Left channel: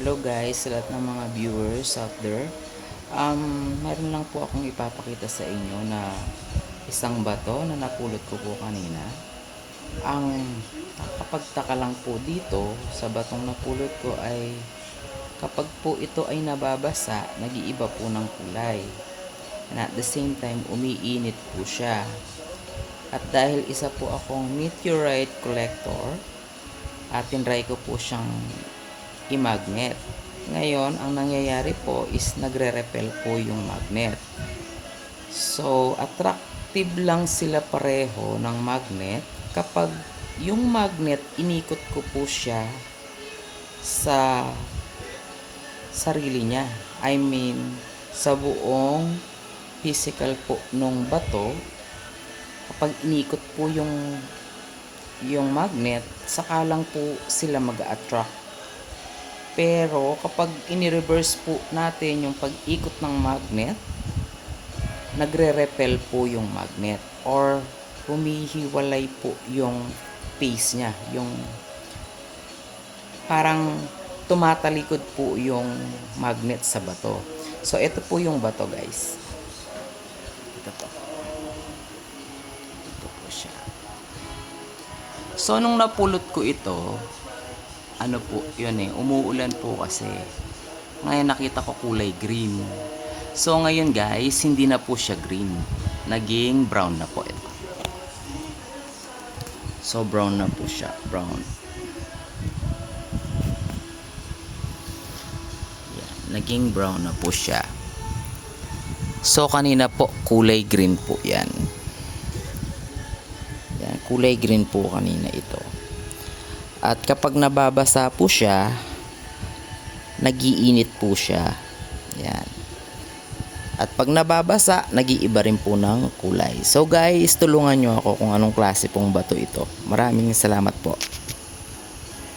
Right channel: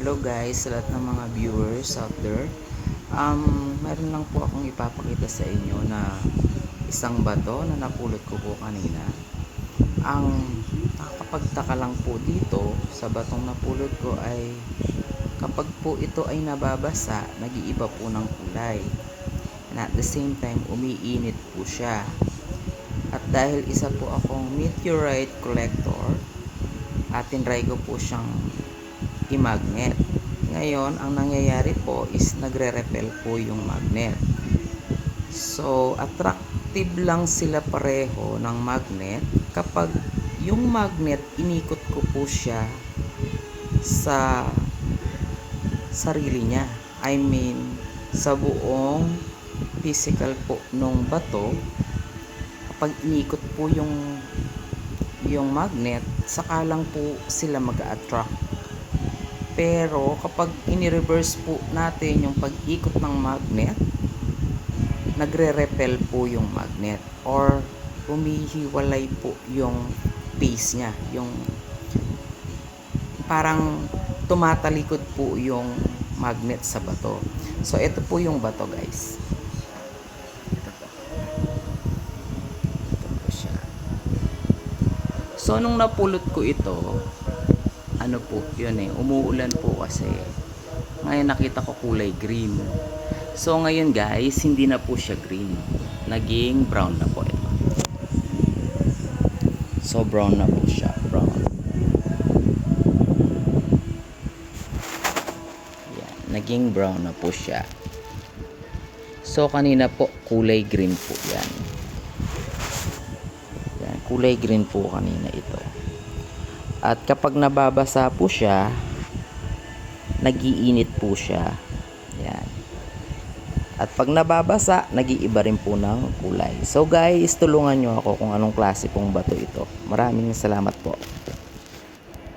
Hello guys, sa lahat ng mga viewers out there. Meron lang po akong ipapakita sa inyo na isang bato na napulot ko po kanina. Ang nakakapagtaka lang po dito sa batong napulot ko ay kapag po ito ay nababasa, nag-iiba po ng kulay. And at the same time, umiinit po siya. At dahil isa po akong meteorite collector, tinry ko po siyang i-magnet. Ngayon, ang nangyayari po is nagre-repel po yung magnet. So, attractive lang sila pareho ng magnet kapag yung magnet, inikot ko po siya sa sarili niya. I mean, sa buong physical po nung bato, kapag inikot po yung magnet, saka lang po sila mag-attract. Pero kapag ini-reverse po natin yung pag-ikot ng magnet, nagre-repel po yung magnet or humihiwalay po yung phase niya, yung parang tumatalikod po yung magnet sa bato. So ito po yung bato guys. Ito po siya. So nung napulot ko ito, ano po, yun umuulan po kasi. Ngayon nakita ko kulay green. So ngayon guys, hindi na po siya green. Naging brown na po ito. So brown na po siya, brown. Yan, naging brown na po siya. So kanina po kulay green po yan. Yan, kulay green po kanina ito. At kapag nababasa po siya, nagiinit po siya. Yan. At pag nababasa, nag-iiba rin po ng kulay. So guys, tulungan nyo ako kung anong klase pong bato ito. Maraming salamat po.